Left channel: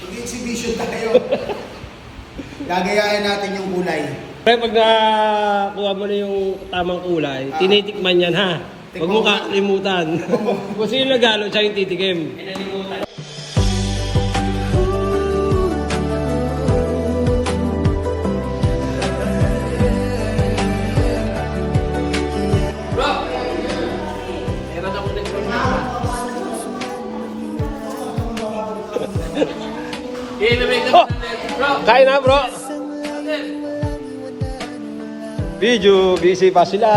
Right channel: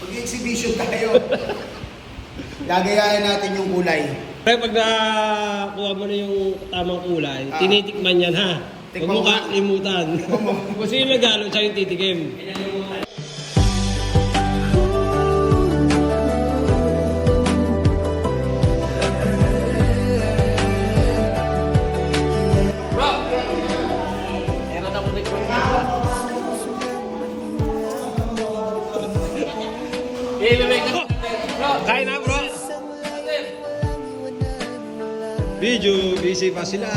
Mag-exhibition tayo. Gagayahin natin yung kulay. Pero pag nakuha mo na yung tamang kulay, tinitikman yan ha. Huwag mo kalimutan. Kung sino nagalo, siya yung titikim. Kain na bro. Video, busy pa sila.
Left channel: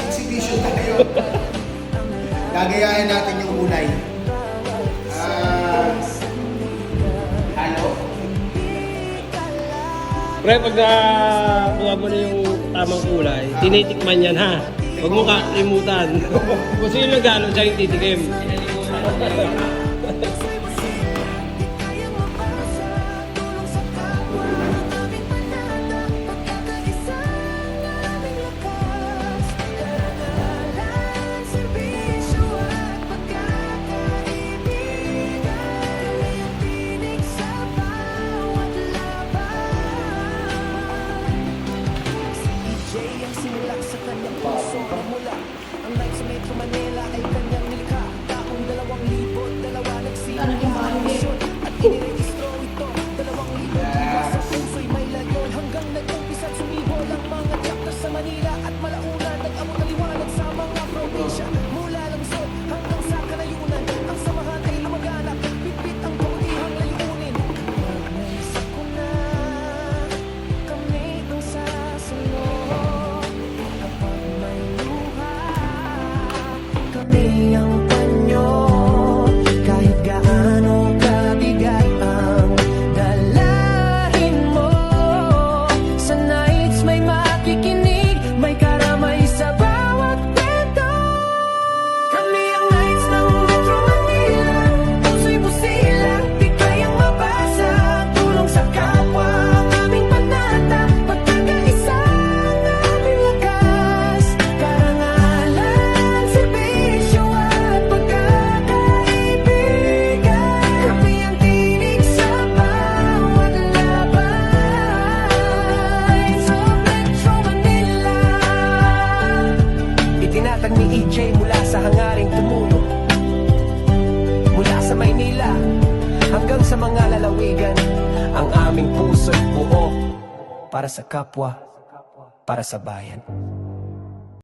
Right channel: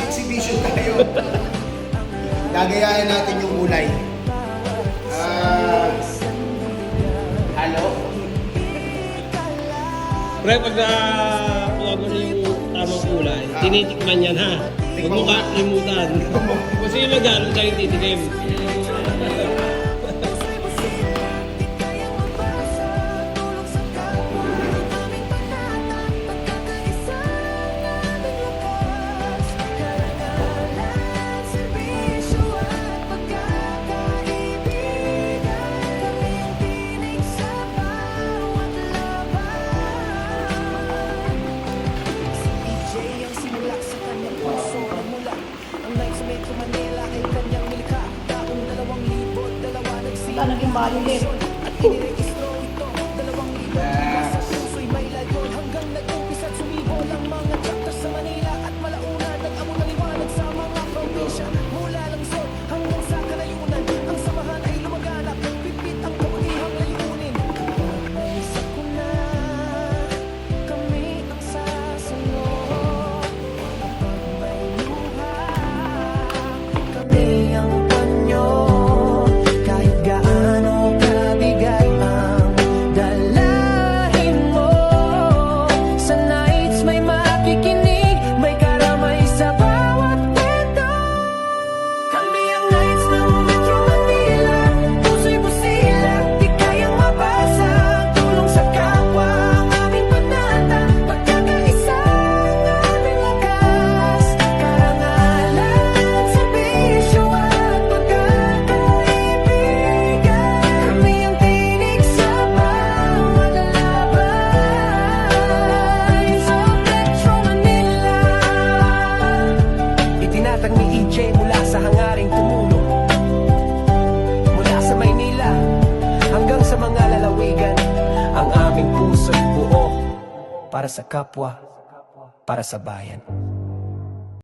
Exhibition tayo. Gagayahin natin yung kulay. Halo. Pre, pag nakuha mo na yung tamang kulay, tinitikman yan ha. Huwag mo kalimutan. Kung sino nagalo, siya yung titikim. Ang simula sa kanyang puso nagmula ang night sa Metro Manila ay kanyang nilikha. Taong 2002 nagsimula misyon at inirehistro ito 2005 sa puso'y may layon hanggang nag-umpisa at sumibol ang mga chapters sa Manila at malauna nag-amot ng liwanag sa mga probinsya mula lungsod hanggang sa kanayunan ang samahan ay lumaganap pitpit ang kabutihang layunin kapag may sakuna kami ang sasalo. Kapag may luha, kami ang panyo. Kahit gaano kabigat ang dalahin mo. Sa nights may makikinig, may karamay sa bawat kwento. Kami ang nights ng Metro Manila. Puso'y busilang, di kayang mabasag. Tulong sa kapwa ang aming panata. Pagkakaisa ang aming lakas. Karangalan, serbisyo at pagkakaibigan. Kami ang tinig sa bawat labay. Sa Metro Manila. Itinatag ni EJ mula sa hangaring tumulong. Mula sa Maynila hanggang sa mga lalawigan, ang aming puso'y buo para sa kapwa, para sa bayan.